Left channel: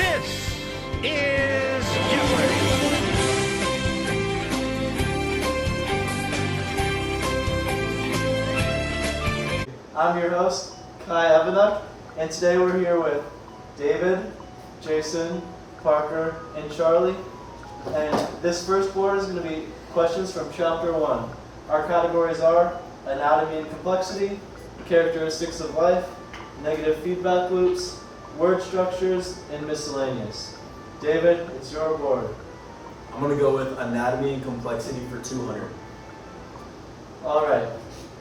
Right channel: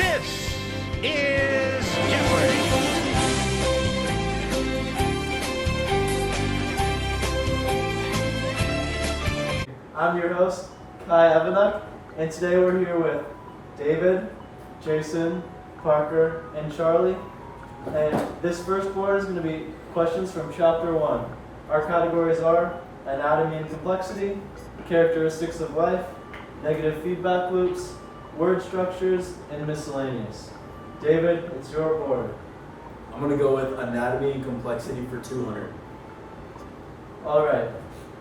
This is Jeopardy! I'm your host, Kai Evanuk, and today we're here with David, Jason, Parker, and Charlie. And this first board is going to be questions from Chapter 1. Our categories are Anatomy and Complexity, Characteristics of Life, Negative Feedback Loops, Word Structures, and Miscellaneous. David, it's your board. I'm going to go with Anatomy and Complexity for 200. All right.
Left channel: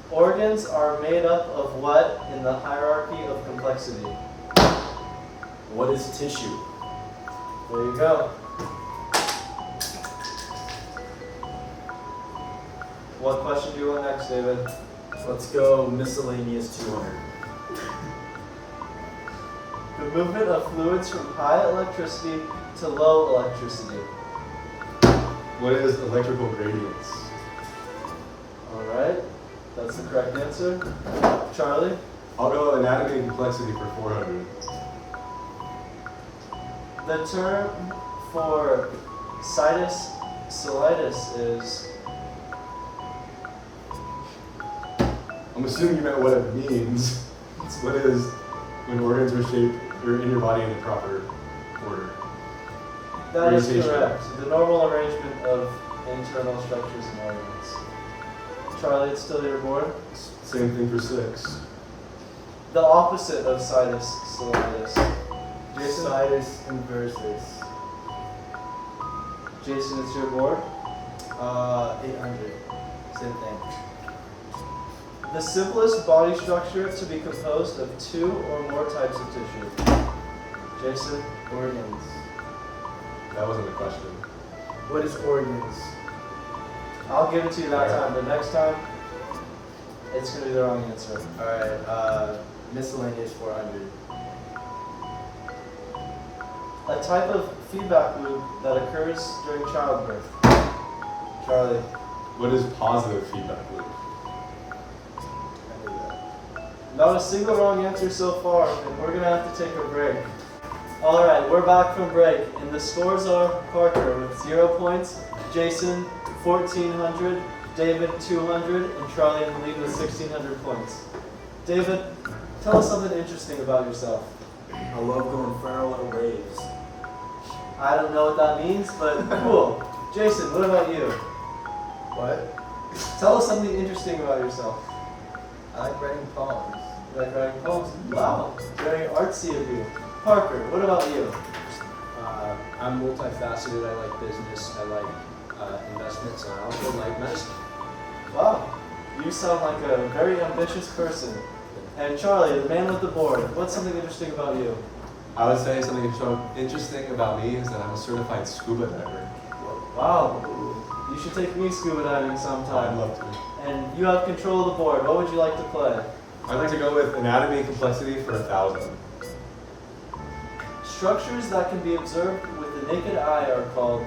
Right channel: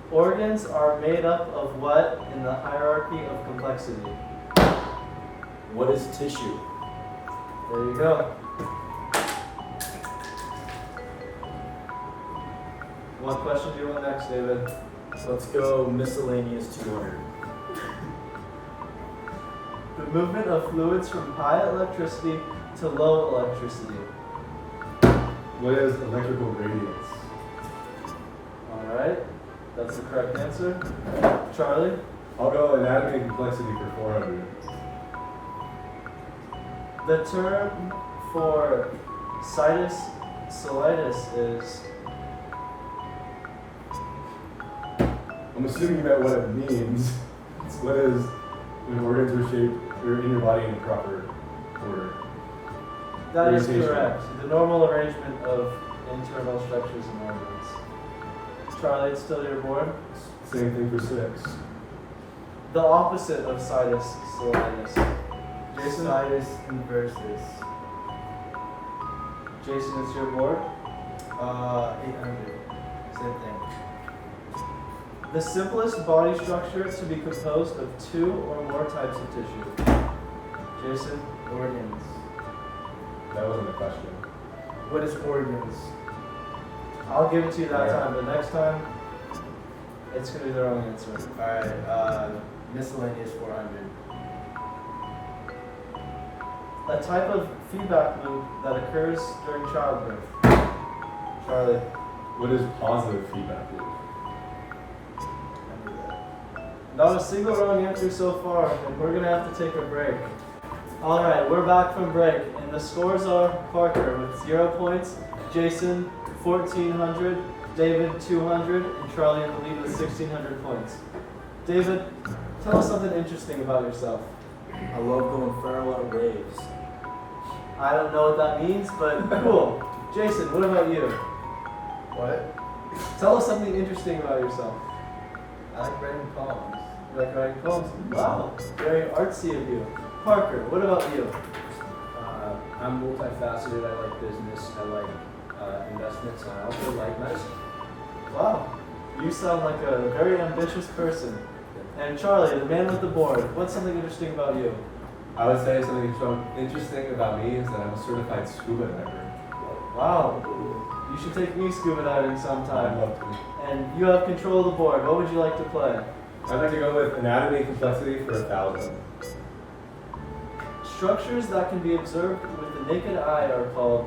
Organs are made up of what in the hierarchy of complexity? What is tissue? There you go. What question do you want next, David? Let's go Miscellaneous 200. The movement of fluids from high electricity to low electricity. What is electrical gradients? All right. That's the correct answer. Charlie? I'll go anatomy and complexity for 400. The term for situs solitis is... I'm assuming you meant what it means. It's what is when organs are shaped or in your body in the proper order. That is Organization. correct. The normal arrangement of internal structures and organs. Charlie, it's still your board. Same thing for 6. The opposite of situs solitis. Jason? Situs inversus. Jason, it's your board. 800. Same thing. The simplest body structure to be composed of 2 or more types of tissue. Jason? Organs. That wasn't a question. What is organs? I'll give it to you that time, but next time, it's going to be the wrong answer. Alright, Miscellaneous 400. A type of feedback loop that occurs during childbirth. Charlie? What is positive feedback loop? I knew that. Not a single wrong answer so far, and we're going to have to take a break. Alright, we're back from break, and the scores are Parker with 0 points, Jason 1,400, David 200, and Charlie in the lead with 1,600 points. David, tell us something interesting about yourself. I love going feral at raves. I don't know what that means, but cool. Jason, what about you? What? Tell us something interesting about yourself. I like writing poems. You like writing poems? Wow, very artsy of you. Parker, what about you? I'm multifaceted. I like business. I like investments. And I also like medicine. Wow, you sound like a very ambitious person. And Charlie, the man with the board, what's something interesting about you? I would say something interesting about me is that I'm a certified scuba diver. Wow, you should take me scuba diving I'd sometime. love to. And you have control of the board. What would you like to play? I'd like to go with anatomy and complexity for 1,000. Structures that can be observed with the naked eye are called...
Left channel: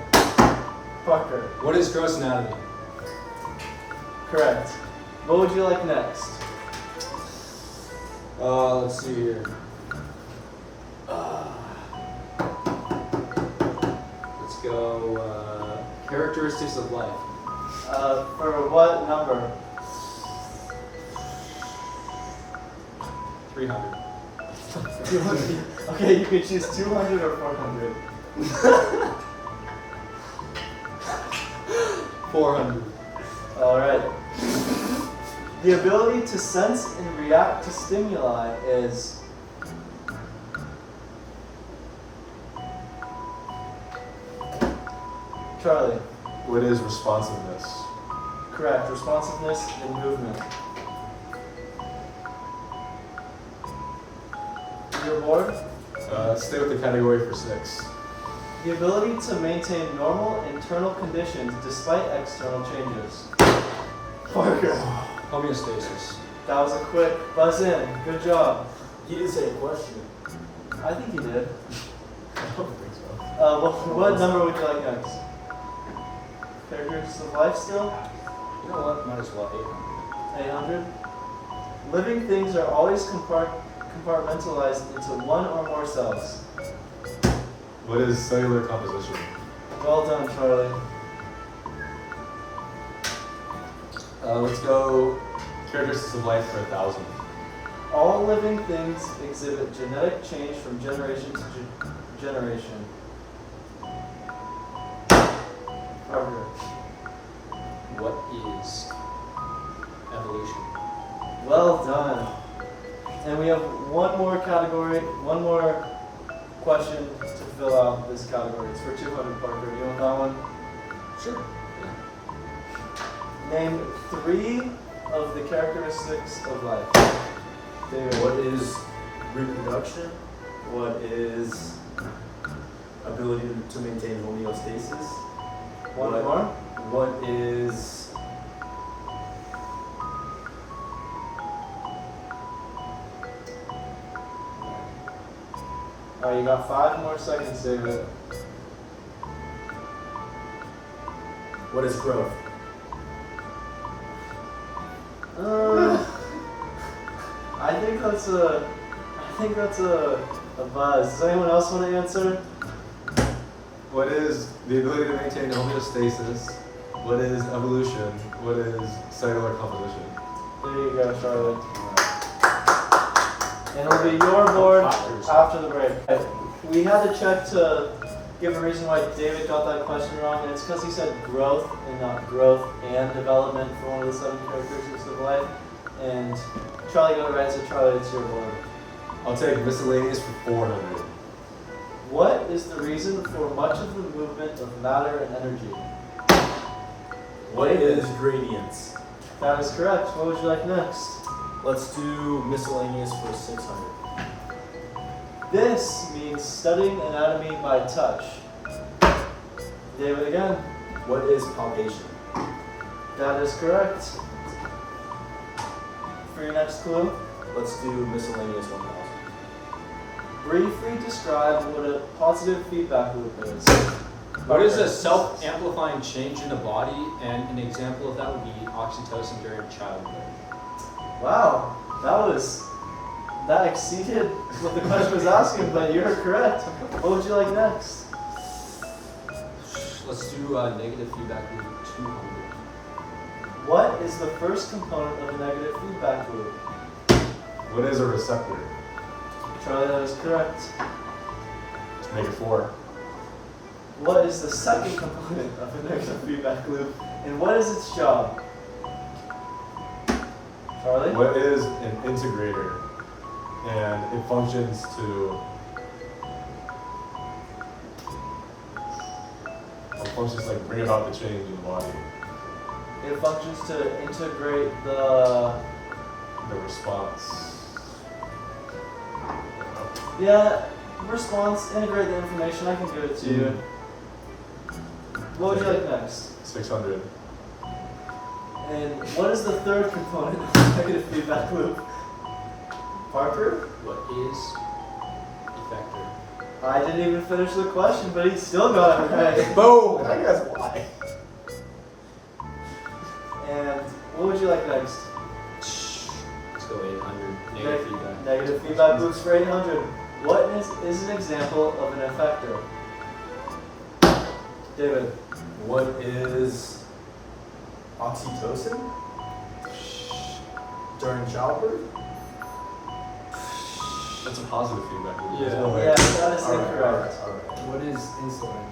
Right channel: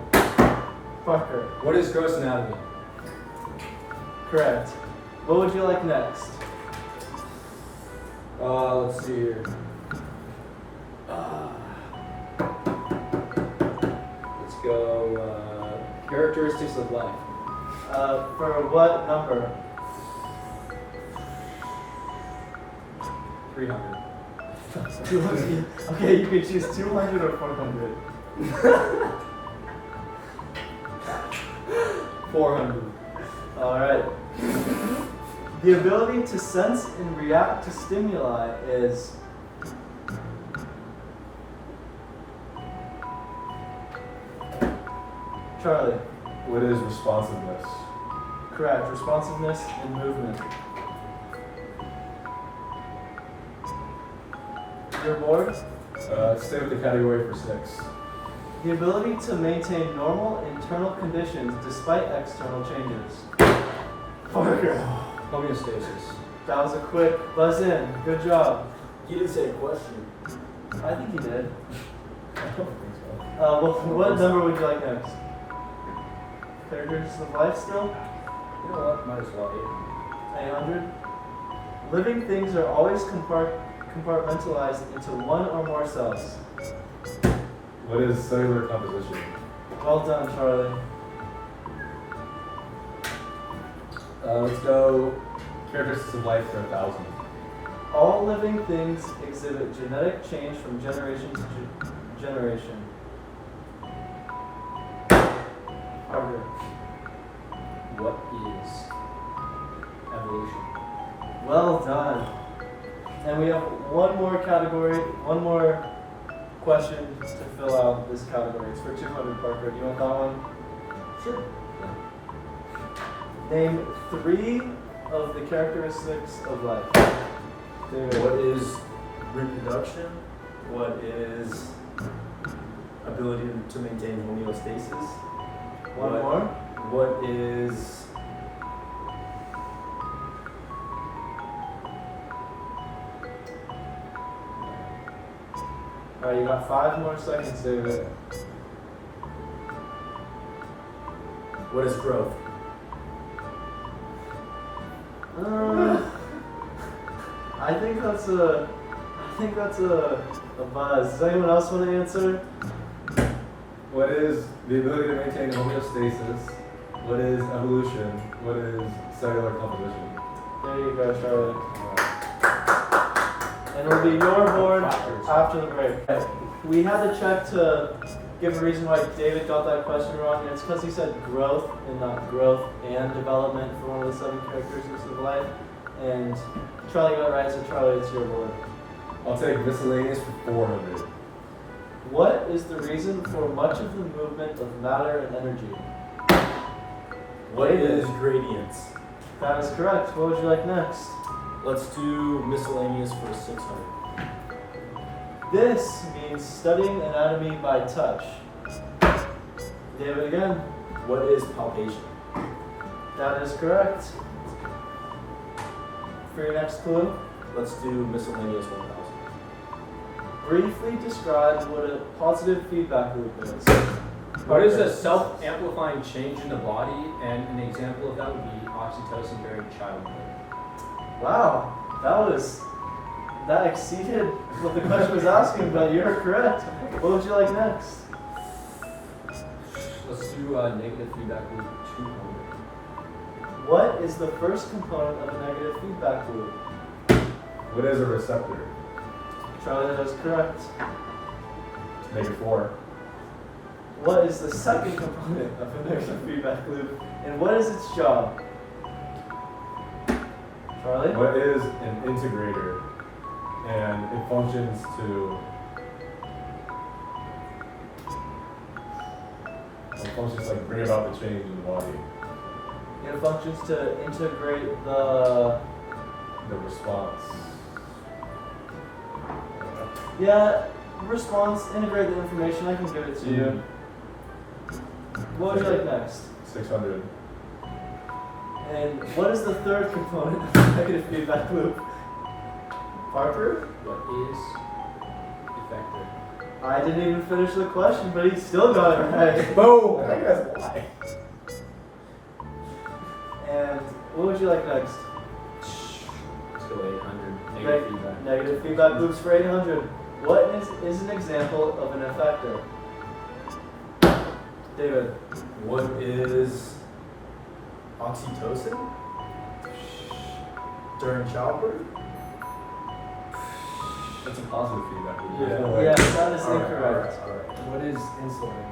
Parker. What is gross anatomy? Correct. What would you like next? Let's see here. Let's go characteristics of life. For what number? 300. 200. Okay, you can choose 200 or 400. 400. Alright. The ability to sense and react to stimuli is... Charlie. What is responsiveness? Correct. Responsiveness and movement. Your board? Stay with the category for 6. The ability to maintain normal internal conditions despite external changes. Parker. Homeostasis. That was a quick buzz in. Good job. He didn't say a question. I think you did. I don't think so. What number would you like next? Characteristics of life still? You know what? Might as well 800. Living things are always compartmentalized into one or more cells. What is cellular composition? Well done, Charlie. Let's go characteristics of life for 1,000. All living things exhibit genetic change from generation to generation. Harder. What is evolution? Well done. And we have one more category, one more question to fill out this category. It's for 200, Parker. Do you want that one? Sure. Name 3 of the characteristics of life. David. What is reproduction? What is ability to maintain homeostasis? One more? What is Alright, you got 5 more seconds, David. what is growth? I think that's a buzz. Does anyone else want to answer? What is the ability to maintain homeostasis? What is evolution? What is cellular composition? There you go, Charlotte. And it'll be your board after the break. We had to check to give a reason why David got that question wrong, and it's because he said growth and not growth and development for one of the 7 characteristics of life. And Charlie got it right, so Charlie, it's your board. I'll take miscellaneous for 400. What is the reason for much of the movement of matter and energy? What is gradients? That is correct. What would you like next? Let's do miscellaneous for 600. This means studying anatomy by touch. David again. What is palpation? That is correct. For your next clue, Let's do miscellaneous 1000. briefly describe what a positive feedback loop is. What is a self-amplifying change in the body? And an example of that would be oxytocin during childbirth. Wow, that exceeded what the question was asking, but you're correct. What would you like next? Let's do negative feedback loop 200. What is the first component of a negative feedback loop? What is a receptor? Charlie, that is correct. Let's make it 4. What is the second component of a negative feedback loop? And what is its job? Charlie? What is an integrator? And it functions to like bring about the change in the body, It functions to integrate the... the response. Yeah, response, integrate the information. I can give it to you. What would you like next? 600. And what is the third component of the negative feedback loop? Parker? What is effector? I didn't even finish the question, but he still got it right. Boom! I think that's why. And what would you like next? Let's go 800. Negative feedback. Negative feedback loops for 800. What is an example of an effector? David. What is oxytocin? During childbirth? That's a positive feedback loop. Yeah. There's no way. Yeah, that is Alright, incorrect. alright. What is insulin?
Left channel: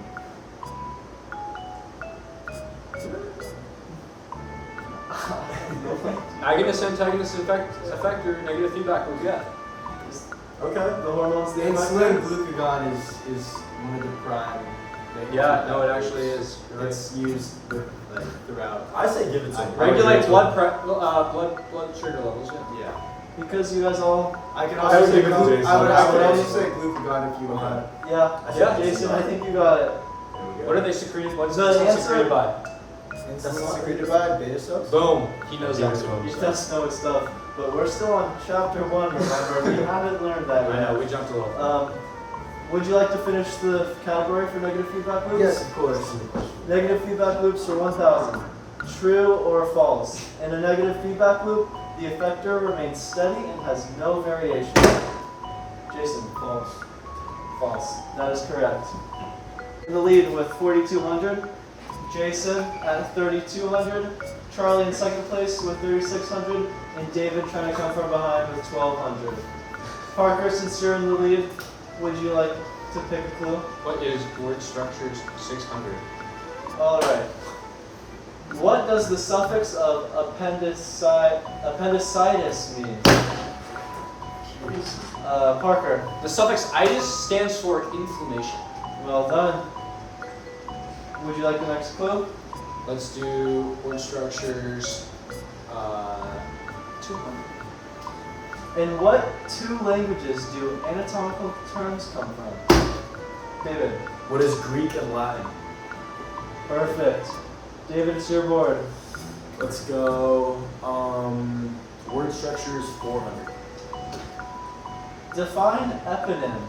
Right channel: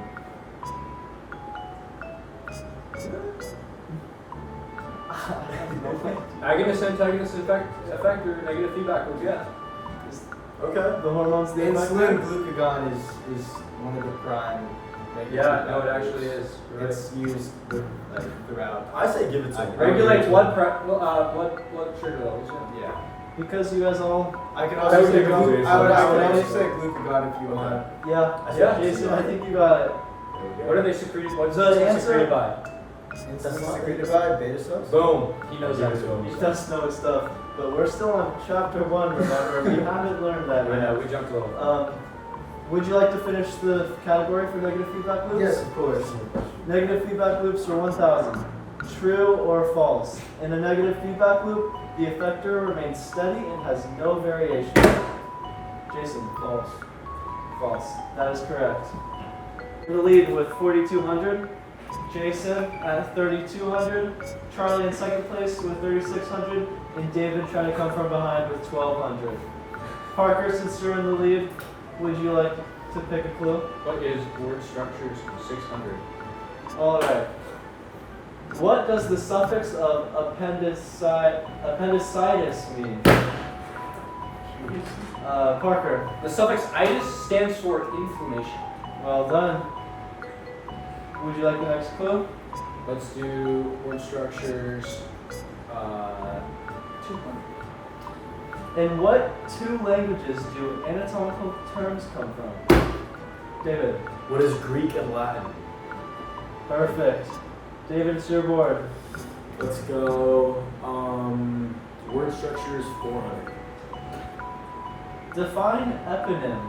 Agonist, antagonist, effector, negative feedback loop, yeah. Okay, the hormones, the Insulin effector. glucagon is one of the prime. negative Yeah, no, it feedback actually loops. is. You're right. It's used throughout. I say give it to him. Regulate blood sugar levels, yeah. Yeah. Because you guys all, I can I also would say give it to Jason. I would also Jason. say glucagon if you want. yeah, Yeah. Jason, I think you got it. What are they secreted? What's The insulin answer- secreted by? Insulin secreted by beta cells. Boom. He knows that. He does know his stuff, but we're still on chapter 1, remember? We haven't learned that I yet. know, we jumped a little. Would you like to finish the category for negative feedback loops? Yes, of course. Negative feedback loops are 1,000. True or false? In a negative feedback loop, the effector remains steady and has no variation. Jason, false. False. That is correct. In the lead with 4,200. Jason at 3,200. Charlie in second place with 3,600. And David trying to come from behind with 1,200. Parker, since you're in the lead, would you like to pick a clue? What is word structures 600? Alright. What does the suffix of appendicitis mean? Parker. The suffix itis stands for inflammation. Well done. Would you like the next clue? Let's do word structures 200. In what two languages do anatomical terms come from? David. What is Greek and Latin? Perfect. David, it's your board. Let's go. Word structure is 400. Define eponym.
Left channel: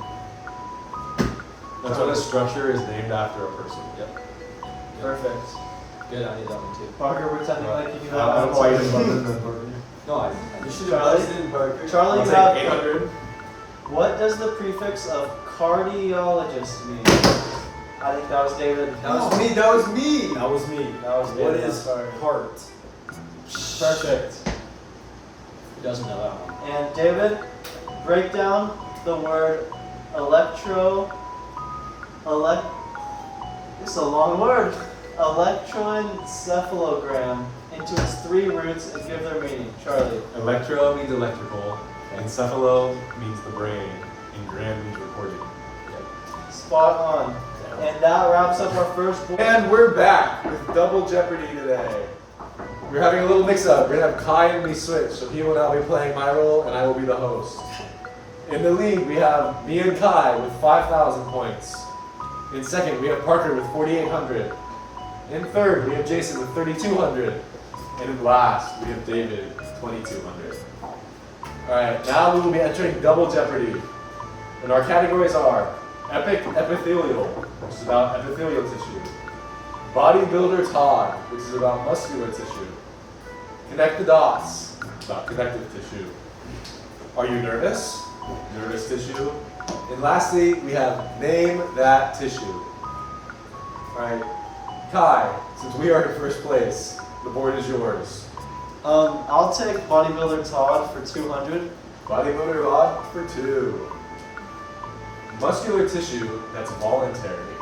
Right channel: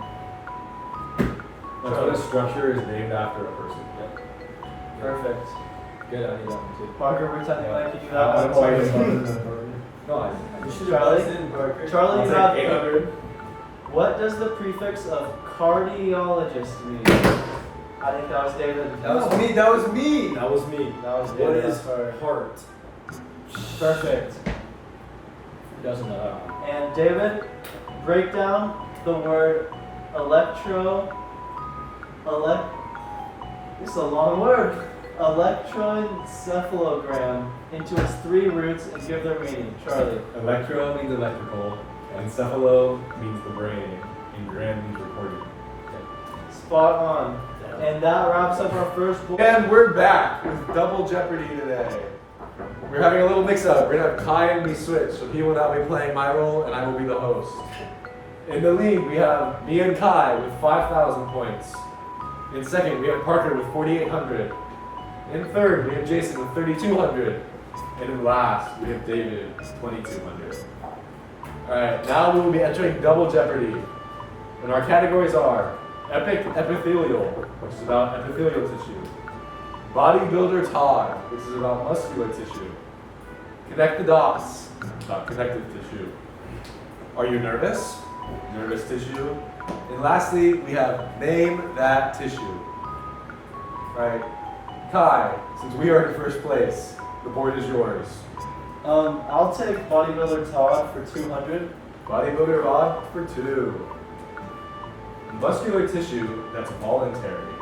That's when a structure is named after a person. Yep. Perfect. Good, I need that one too. Parker, pretending like you I have don't know why you didn't buzz in. No, I You should Charlie? have buzzed in, Parker. Charlie, I'll you take have 800. What does the prefix of cardiologist mean? I think that was David. That was me. That was me. That was me. That was What David. is Sorry. heart? Perfect. Who doesn't know that one? And David, break down the word it's a long word. Electroencephalogram into its three roots and give their meaning. Charlie. Electro means electrical. Encephalo means the brain. And gram means recording. Spot on. And that wraps up our first board. And we're back with Double Jeopardy today. We're having a little mix-up. We're gonna have Kai and me switch, so he will now be playing my role, and I will be the host. In the lead, we have me and Kai with 5,000 points. In second, we have Parker with 4,800. In third, we have Jason with 3,200. And in last, we have David with 2,200. Alright, now we will be entering Double Jeopardy. And our categories are Epic Epithelial, which is about epithelial tissue. Bodybuilder Todd, which is about muscular tissue. Connect the Dots, about connective tissue. Are you nervous? Nervous tissue. And lastly, we have Name That Tissue. Alright, Kai, since we are in first place, the board is yours. I'll take bodybuilder Todd for 200. Bodybuilder Todd for 2. Muscular tissue that's voluntary.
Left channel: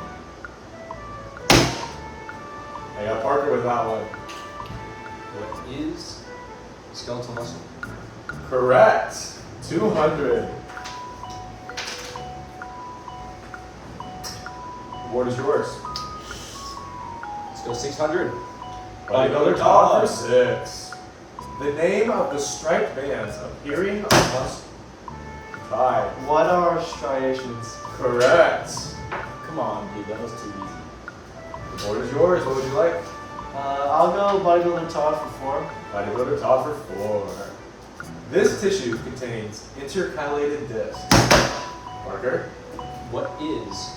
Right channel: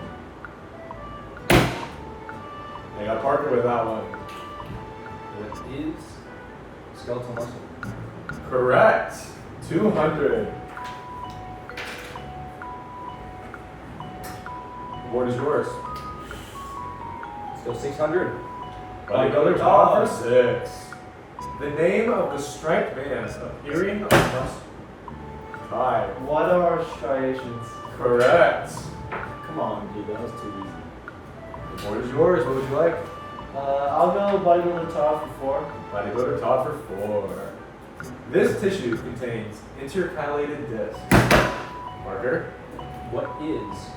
I got Parker with that one. What is skeletal muscle? Correct. 200. The board is yours. Let's go 600. Bodybuilder Todd for 6. The name of the striped bands appearing on muscle. 5. What are striations? Correct. Come on, dude. That was too easy. The board is yours. What would you like? I'll go bodybuilder Todd for 4. Bodybuilder Todd for 4. This tissue contains intercalated disc. Parker. What is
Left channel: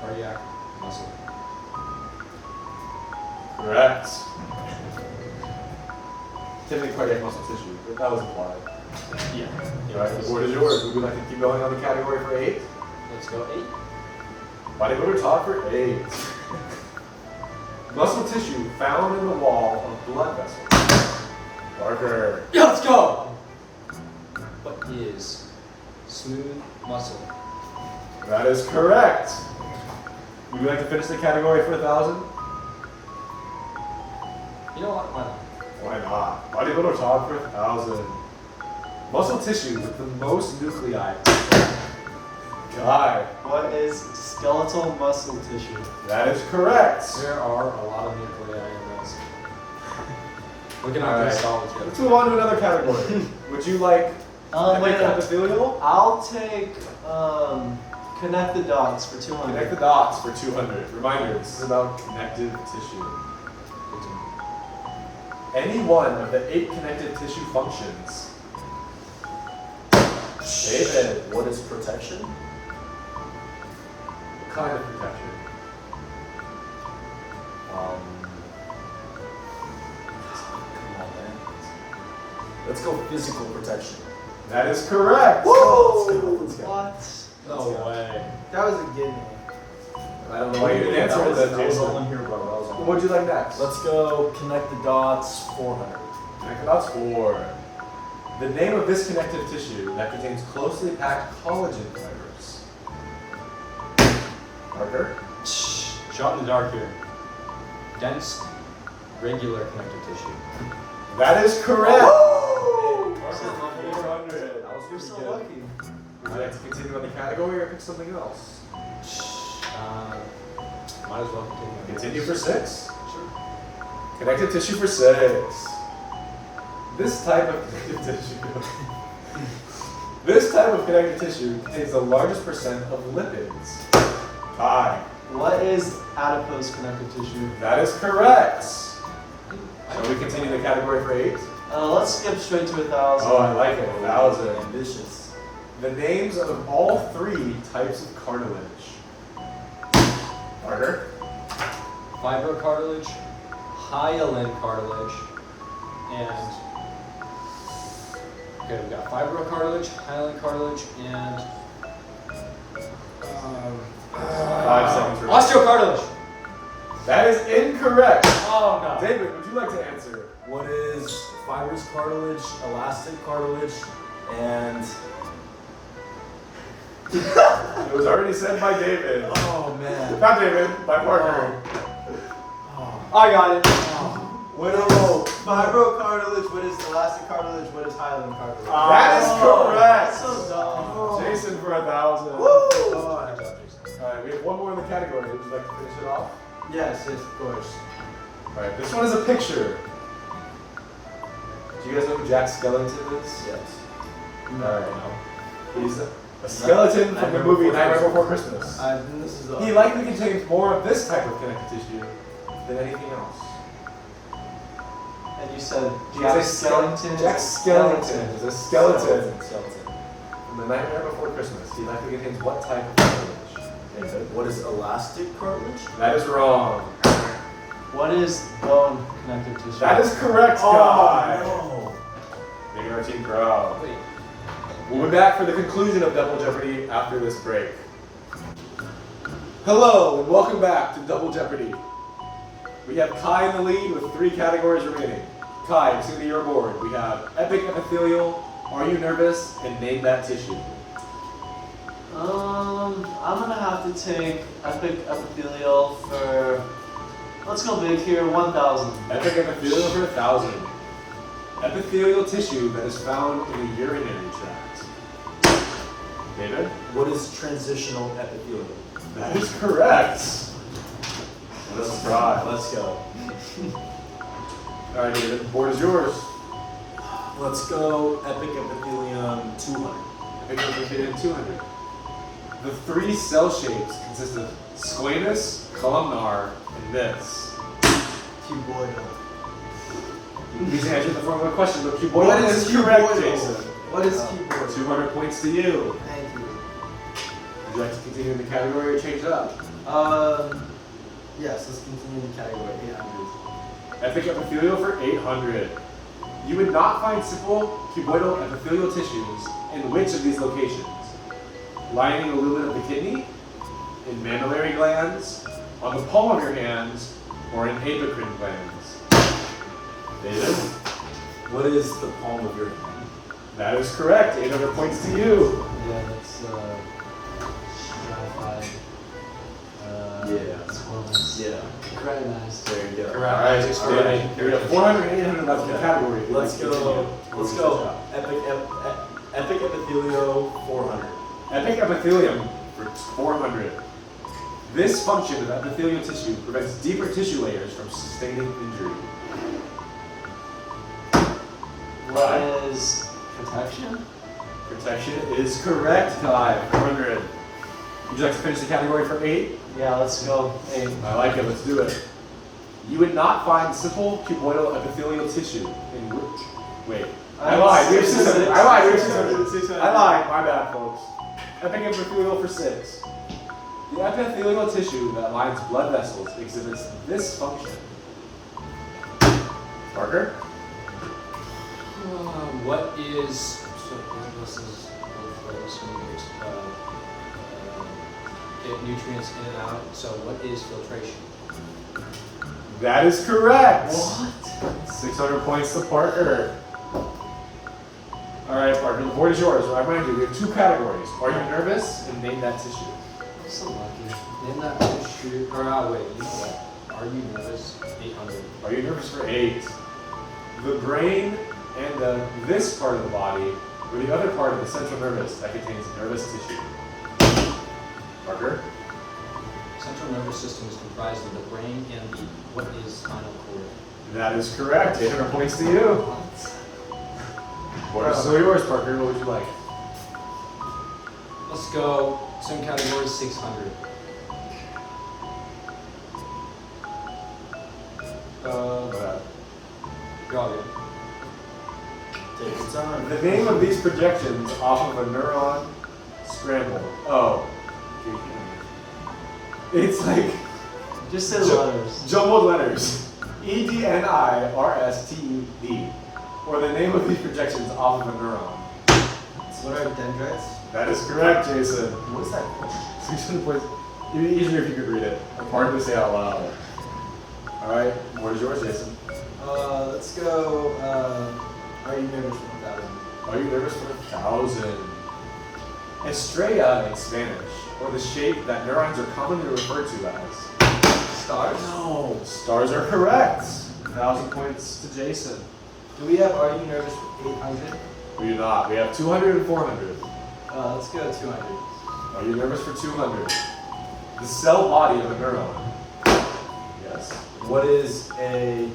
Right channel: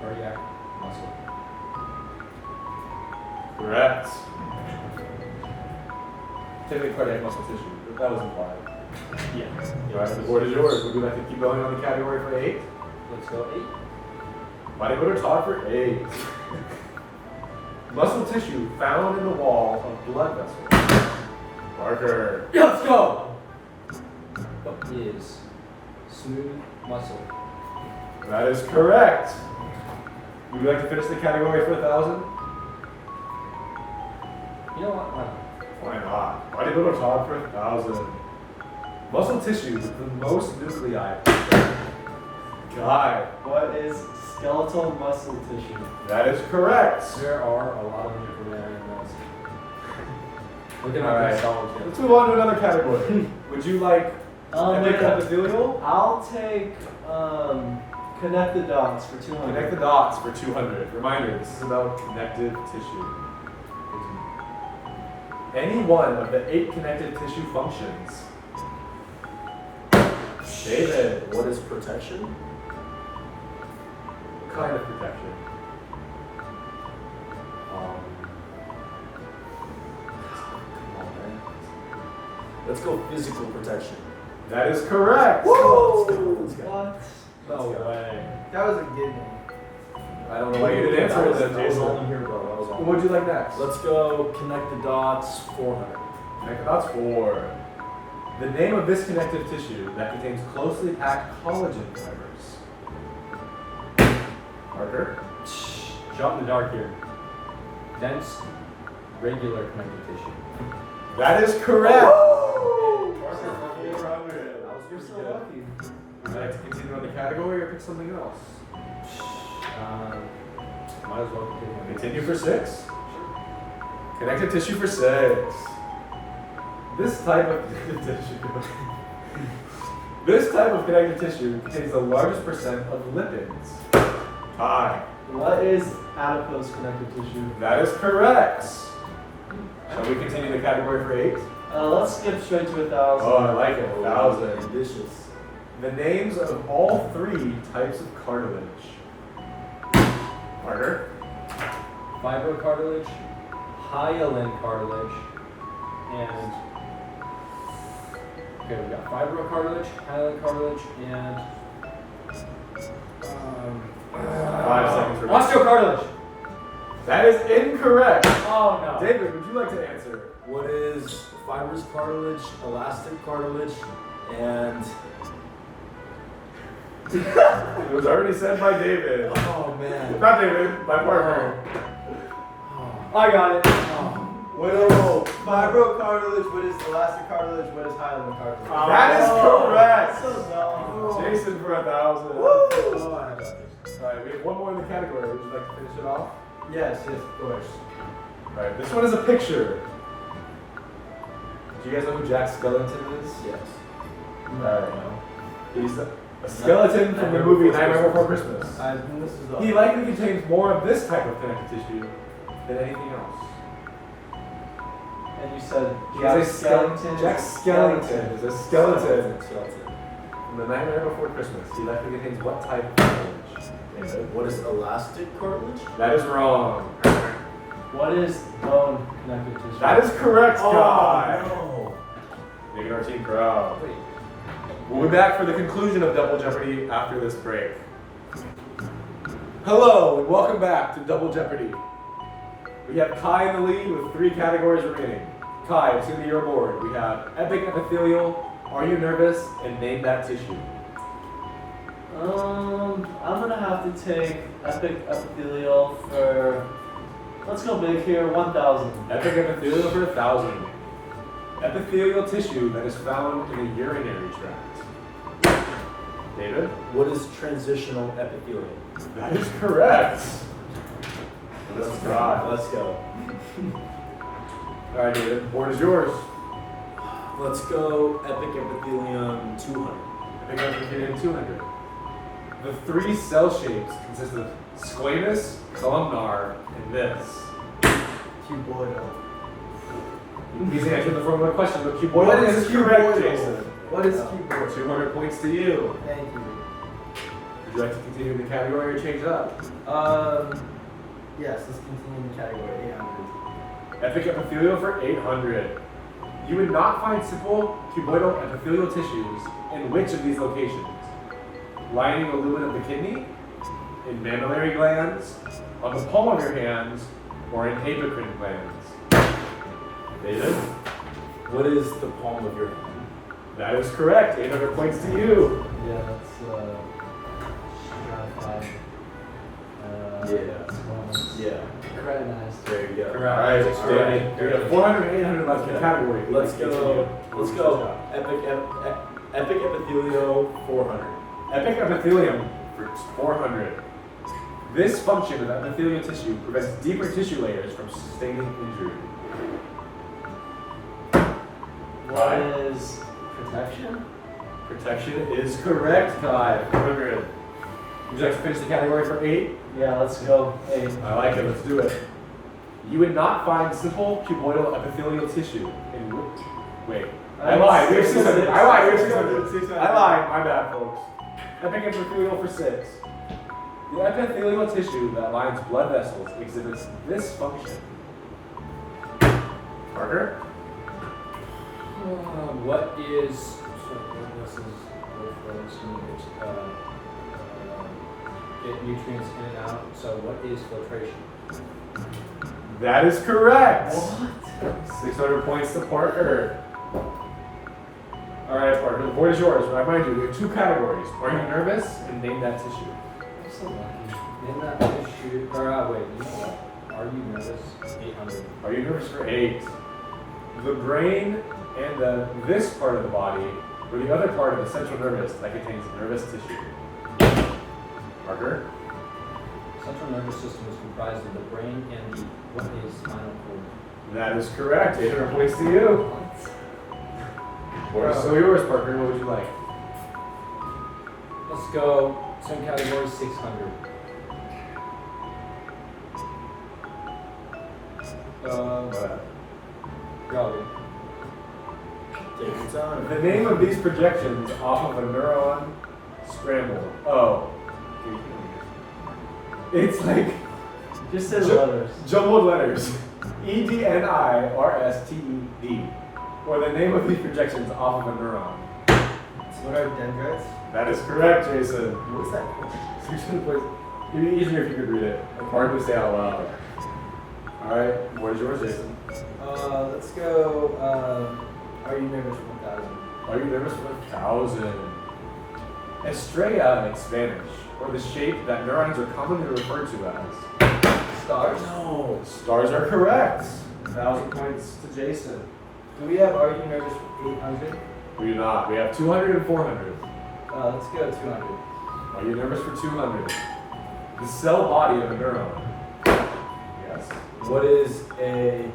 cardiac muscle? Correct. Typically cardiac muscle tissue. That was implied. Yeah. Alright, the board is yours. Would you like to keep going on the category for 8? Let's go 8. Bodybuilder Todd for 8. Muscle tissue found in the wall of blood vessels. Parker. Yeah, let's go! What is smooth muscle? That is correct. Would you like to finish the category for 1,000? You know what? Why not? Why not? Bodybuilder Todd for 1,000. Muscle tissue with the most nuclei. Guy. What is skeletal muscle tissue? That is correct. There are a lot of nuclei in this. Looking All at right. this college. Let's move on to another category. Would you like Wait, epic epithelial? I'll take connect the dots for 200. Connect the dots for 200. Reminder, this is about connective tissue. Any one of the 8 connective tissue functions. David, What is protection? what kind of protection? Come on, man. Let's go physical protection. That is correct. Let's go. Let's go. What? No way. That was a gimme. I don't know why you didn't answer it then, That was all Jason. in here, bro. That was all. What'd you like next? Let's go connect the dots 400. Connect the dots 4. The name of this connective tissue that contains closely packed collagen fibers. Parker? Shot in the dark here. Dense, regular connective tissue. That is correct. Woo! Parker for 400. That was You're pretty so good. lucky. Would you like to continue on the category or pick something else? Might as well continue. Continue for 6. Connective tissue for 6. This type of connective tissue. This type of connective tissue contains the largest percent of lipids. Kai. What is adipose connective tissue? That is correct. Shall we continue the category for 8? Let's skip straight to 1,000. Oh, I like it. 1,000. Ambitious. The names of all 3 types of cartilage. Parker. Fibrocartilage, hyaline cartilage, and okay, we got fibrocartilage, hyaline cartilage, and 5 seconds remaining. osteocartilage. That is incorrect. Oh no. David, would you like to answer? What is fibrous cartilage, elastic cartilage, and It was already said by David. oh man. Not David, by Parker. I got it. Wait, no. Fibrocartilage, what is elastic cartilage, what is hyaline cartilage? That is correct. So dumb. Jason for 1,000. Oh, Alright, we have one more in the category. Would you like to finish it off? yes, of course. Alright, this one is a picture. Do you guys know who Jack Skellington is? Yes. Alright. He's a skeleton from the movie Nightmare Before Christmas. This is He likely contains more of this type of connective tissue than anything else. And you said He Jack is a Skellington. Jack Skellington is a skeleton Skeleton. from the Nightmare Before Christmas. He likely contains what type of cartilage? David? What is elastic cartilage? That is wrong. What is bone connective tissue? That is correct, Guy. no. Making our team proud. Wait. We'll be back for the conclusion of Double Jeopardy after this break. Hello, and welcome back to Double Jeopardy. We have Kai in the lead with 3 categories remaining. Kai, it's going to be your board. We have Epic Epithelial, Are You Nervous, and Name That Tissue. I'm gonna have to take epic epithelial for. Let's go big here. 1,000. Epic Epithelial for 1,000. Epithelial tissue that is found in the urinary tract. David? What is transitional epithelium? That is correct. Let's try. Let's go. Alright, David, the board is yours. Let's go epic epithelium 200. Epic Epithelium 200. The 3 cell shapes consist of squamous, columnar, and this. Cuboidal. These answers in the form of a question, but What cuboidal is is correct, cuboidal? Jason. What is cuboidal? 200 points to you. Thank you. Would you like to continue in the category or change it up? Yes, let's continue in the category 800. Epic epithelial for 800. You would not find simple cuboidal epithelial tissues in which of these locations? Lining the lumen of the kidney, in mammillary glands, on the palm of your hands, or in apocrine glands? David? What is the palm of your hand? That is correct. 800 points to you. Yeah, that's stratified. Yeah. Very nice. There you go. All right, David. We have 400 and 800 left in the category. If you'd Let's like to go. continue. Let's go. Epic epithelio 400. Epic epithelium for 400. This function of epithelial tissue prevents deeper tissue layers from sustaining injury. What is protection? Protection is correct, Kai. 400. Would you like to finish the category for 8? Yeah, let's go. 8. I like it. Let's do it. You would not find simple cuboidal epithelial tissue in which. Wait. I lied. We have 600. I lied. We have 600. I lied. My bad, folks. Epic epithelial for 6. The epithelial tissue that lines blood vessels exhibits this function. Parker? What is so this is both those get nutrients in and out. So what is filtration? That is correct. 600 points to Parker. All right, Parker, the board is yours. I remind you, we have two categories. Are you nervous? And name that tissue. I'm so lucky. Name that tissue. Or wait, you know what? Are you nervous? 800. Are you nervous for 8? The brain and this part of the body, or the other part of the central nervous that contains nervous tissue. Parker? Central nervous system is comprised of the brain and the what is spinal cord. That is correct. 800 points to you. Board is still yours, Parker. What would you like? Let's go. Same category, 600. You're all good. Take your time. The name of these projections off of a neuron scrambled. Oh. It's like Just say the letters. jumbled letters. EDNIRSTED. Or the name of these projections off of a neuron. What are dendrites? That is correct, Jason. What is that? 600 points. It'd be easier if you could read it. Hard to say out loud. Alright, what is yours, Jason? Let's go. Are you nervous for 1,000? Are you nervous for 1,000? Estrella in Spanish, or the shape that neurons are commonly referred to as. Stars? No, stars are correct. 1,000 points to Jason. Do we have Are You Nervous for 800? We do not. We have 200 and 400. Let's go 200. Are you nervous for 200? The cell body of a neuron. Yes. What is a.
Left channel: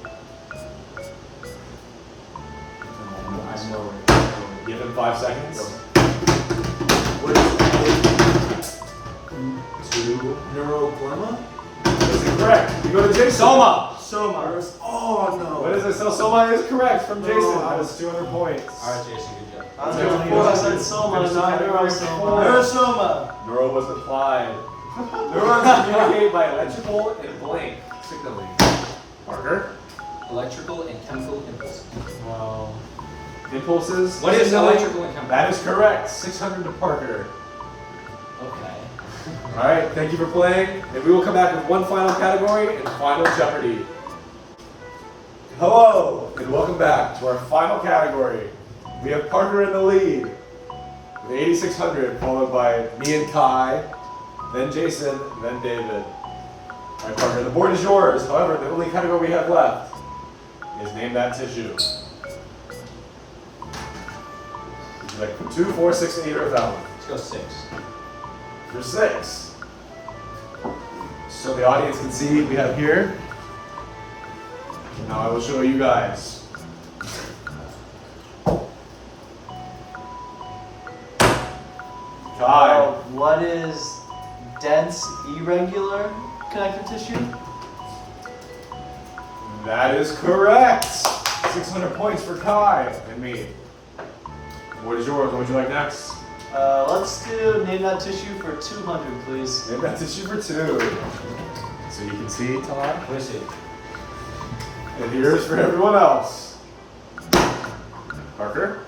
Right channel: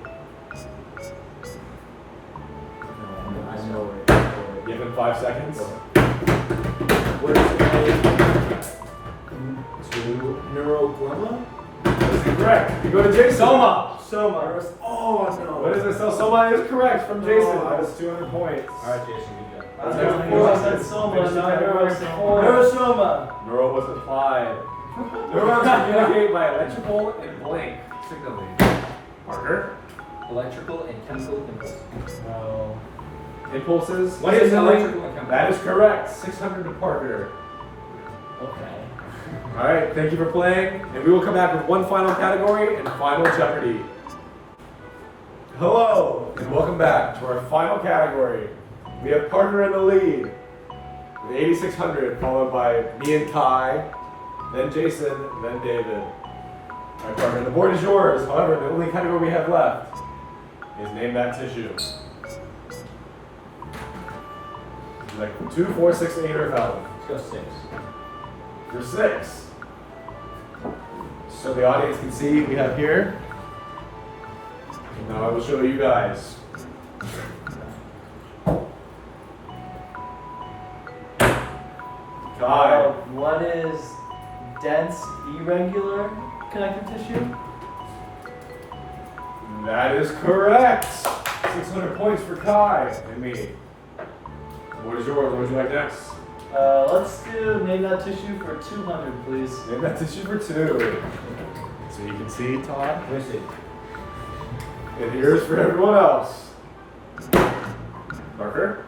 I know it. Give him 5 seconds. What is a neuroglemma? That's incorrect. You go to Jason. Soma! Oh no. What is a cell? Soma is correct from Jason. Oh. That is 200 points. Alright, Jason, good job. I'm I said soma, not neurosoma. Neurosoma! Neural was applied. Neurons communicate by electrical and blank signaling. Parker? Electrical and chemical impulses. No. Impulses. What is signaling? electrical and chemical? That is correct. 600 to Parker. Okay. Alright, thank you for playing. And we will come back with one final category and final Jeopardy. Hello, and welcome back to our final category. We have Parker in the lead with 8,600, followed by me and Kai, then Jason, then David. Alright, Parker, the board is yours. However, the only category we have left is Name That Tissue. Would you like 2, 4, 6, 8, or 1,000? Let's go 6. You're 6. So the audience can see we have here. Now I will show you guys. Kai. What is dense irregular connective tissue? That is correct. 600 points for Kai and me. What is yours? What would you like next? Let's do name that tissue for 200, please. Name that tissue for 2. So you can see, Todd. Let me see. And here's for everyone else. Parker.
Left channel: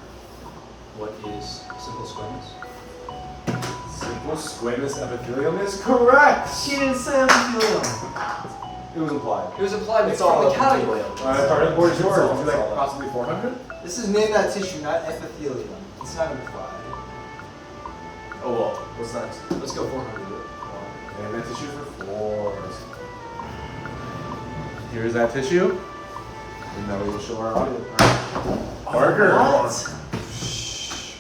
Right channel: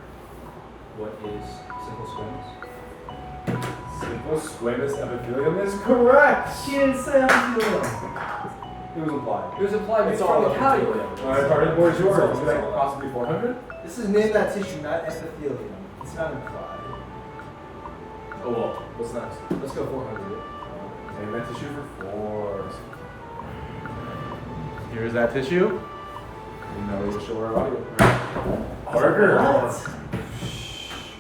What is simple squamous? Simple squamous epithelium is correct. She didn't say epithelium. It was implied. It was implied It's from all the up to category. you. Alright, Parker, the board is yours. It's all- Would you like it's all up. possibly 400? This is name that tissue, not epithelium. It's not implied. Oh well. What's next? Let's go 400. Name that tissue for 4. Here's that tissue. And now we will show our audience. Parker.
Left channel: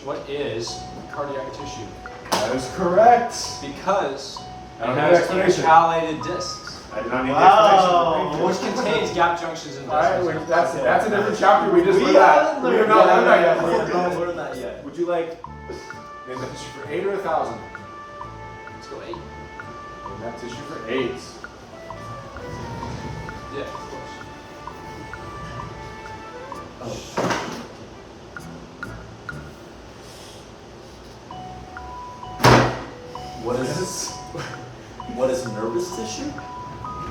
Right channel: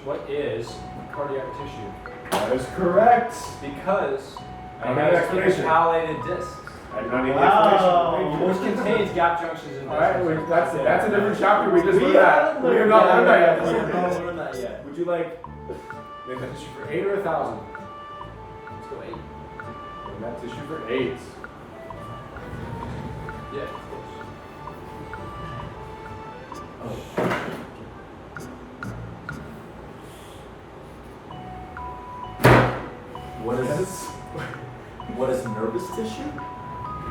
What is cardiac tissue? That is correct. Because I don't it have an has explanation. intercalated discs, I do not need Wow. the explanation. which Thank you. contains gap junctions and Alright, vessels. that's a different chapter. We just learned that. We have not learned that yet. Parker. learned that yet. Would you like name that tissue for 8 or 1,000? Let's go 8. Name that tissue for 8. Yeah, of course. What is this? What is nervous tissue?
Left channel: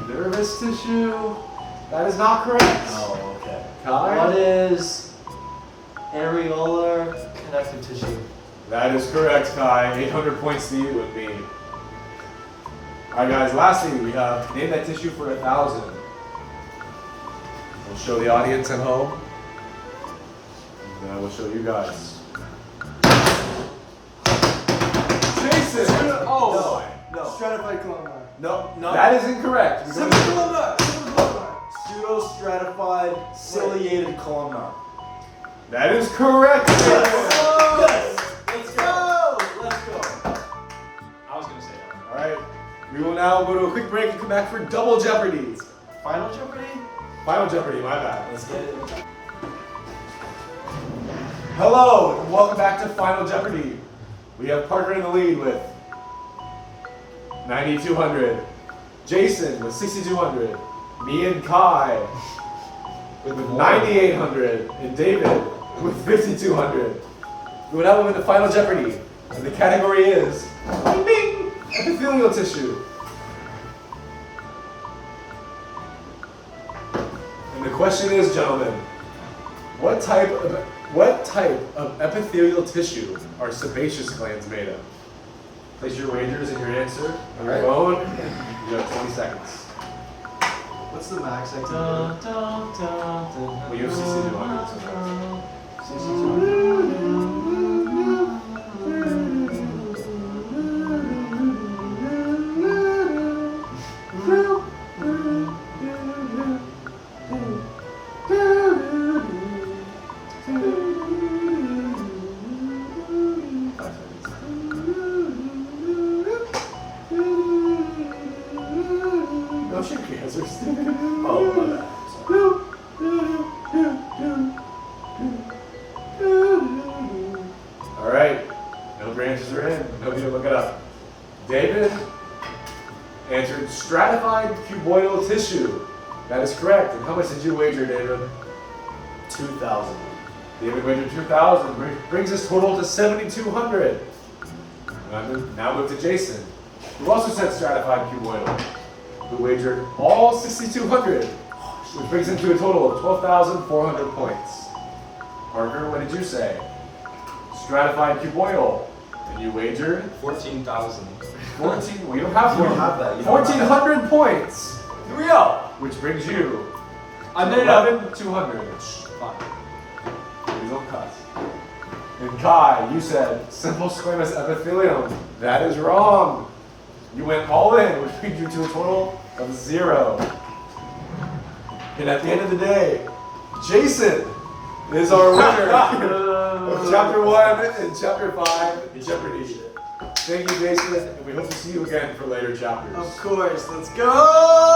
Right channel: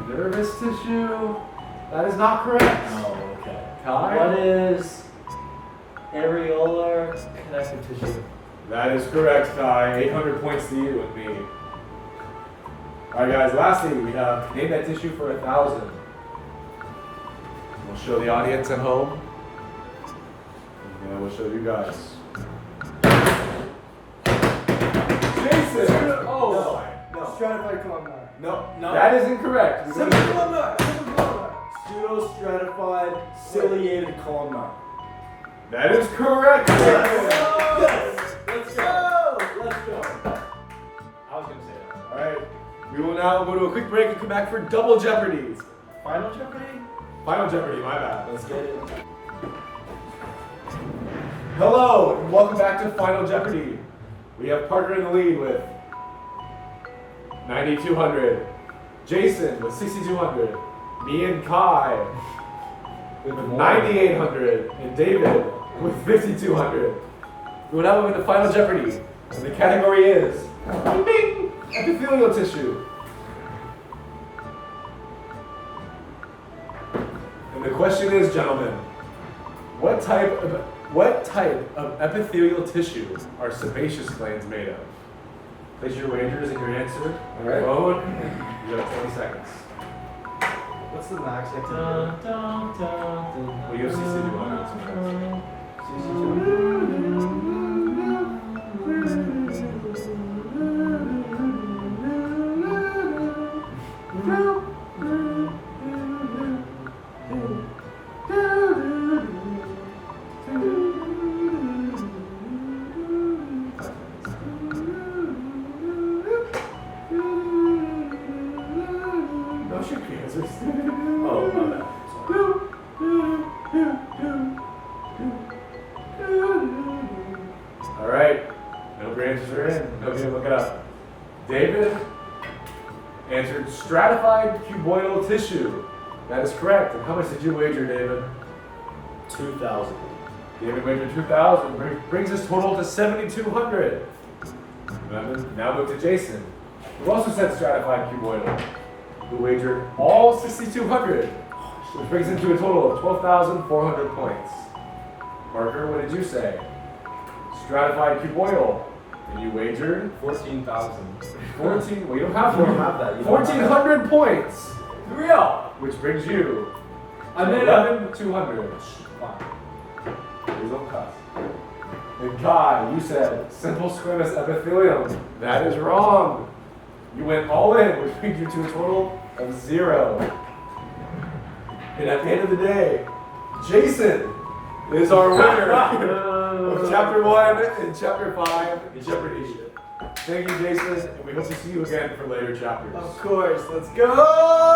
Nervous tissue. That is not correct. Oh, okay. Kai? What is areolar connective tissue? That is correct, Kai. 800 points to you with me. Alright guys, lastly we have name that tissue for 1,000. We'll show the audience at home. And then we'll show you guys. Jason! Oh, No. Stratified columnar. No. That is incorrect. We go Simple to- columnar. Simple columnar. Pseudo-stratified ciliated columnar. That is correct. Yes. Let's go. Let's go. I was gonna say that. Alright, we will now go to a quick break and come back for Double Jeopardy. Final Jeopardy? Final Jeopardy, my bad. Let's get it. Hello, and welcome back to Final Jeopardy. We have Parker in the lead with 9,200. Jason with 6,200. Me and Kai with 9,800. And David with 5,200. We will now move into Final Jeopardy. And the category is bing, epithelial tissue. And the question is, gentlemen, what type of epithelial tissue are sebaceous glands made of? Place your wagers and your answer on your phone. You have 20 seconds. What's the max I can Well, you have CC 200 sometimes. No shit, answers. Oh, my bad. Sorry. Alright, no branches are in. No need to look it up. David answered stratified cuboidal tissue. That is correct. And how much did you wager, David? 2,000. David wagered 2,000, brings his total to 7,200. Now move to Jason, who also said stratified cuboidal, who wagered all 6,200, which brings him to a total of 12,400 points. Parker, what did you say? Stratified cuboidal, and you wagered 14,000. 14. Well, you don't have You don't 14. have that. You don't have that. 1,400 points, Here we go. which brings you I to made it. 11,200. Fine. Please don't cuss. And Kai, you said simple squamous epithelium. That is wrong. You went all in, which brings you to a total of 0. And at the end of the day, Jason is our winner of Chapter 1 and Chapter 5 Jeopardy. Thank you, Jason, and we hope to see you again for later chapters. Of course. Let's go.